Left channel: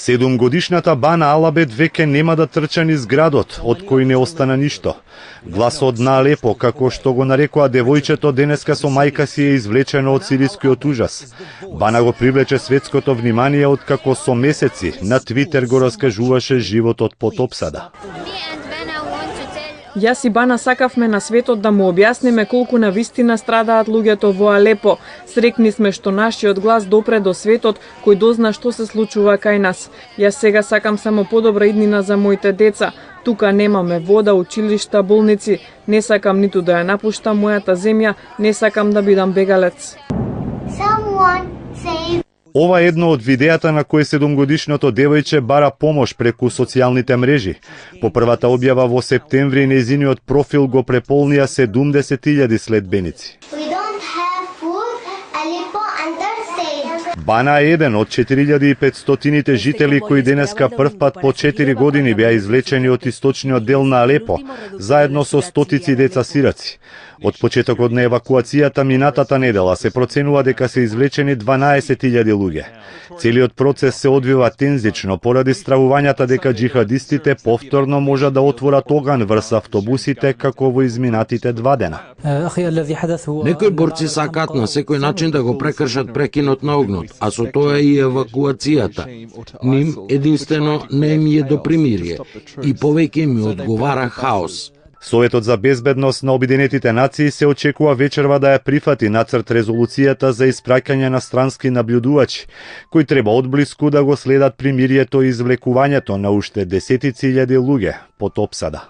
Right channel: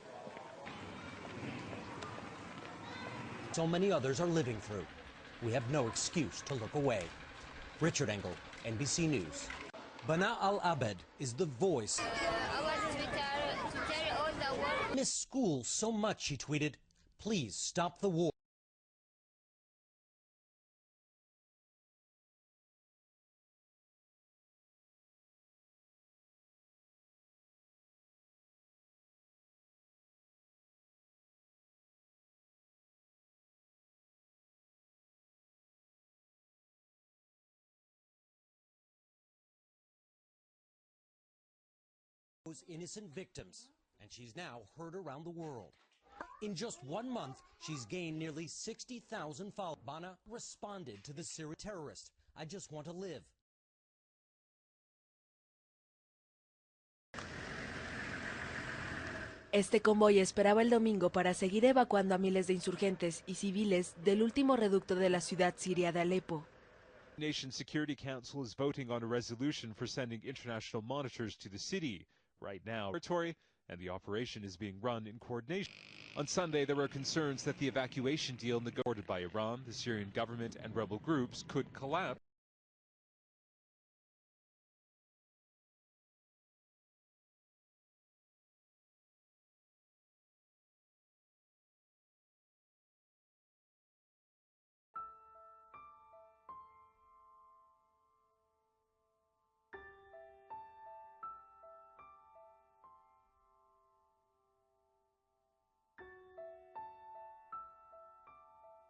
7-годишната Бана Алабет веќе нема да трча низ градот, од кој не остана ништо. Гласот на Алепо, како што го нарекува девојчето, денеска со мајка си е извлечено од сирискиот ужас. Бана го привлече светското внимание откако со месеци на Твитер го раскажуваше животот под опсада. Јас и Бана сакавме на светот да му објасниме колку навистина страдаат луѓето во Алепо. Срекни сме што нашиот глас допре до светот кој дозна што се случува кај нас. Јас сега сакам само подобра иднина за моите деца. Тука немаме вода, училишта, болници. Не сакам ниту да ја напуштам мојата земја, не сакам да бидам бегалец. Ова е едно од видеата на кој 7-годишното девојче бара помош преку социјалните мрежи. По првата објава во септември нејзиниот профил го преполнија 70.000 следбеници. Бана е еден од 4.500 жители кои денеска првпат по 4 години беа извлечени од источниот дел на Алепо, заедно со стотици деца сираци. Од почетокот на евакуацијата минатата недела се проценува дека се извлечени 12.000 луѓе. Целиот процес се одвива тензично поради стравувањата дека џихадистите повторно можат да отворат оган врз автобусите како во изминатите 2 дена. Некои борци сакаат на секој начин да го прекршат прекинот на огнот, а со тоа и евакуацијата. Ним единствено не им е до примирие и повеќе ми одговара хаос. Советот за безбедност на Обединетите нации се очекува вечерва да ја прифати нацрт резолуцијата за испраќање на странски наблюдувачи, кои треба одблиску да го следат примирието и извлекувањето на уште десетици илјади луѓе под опсада.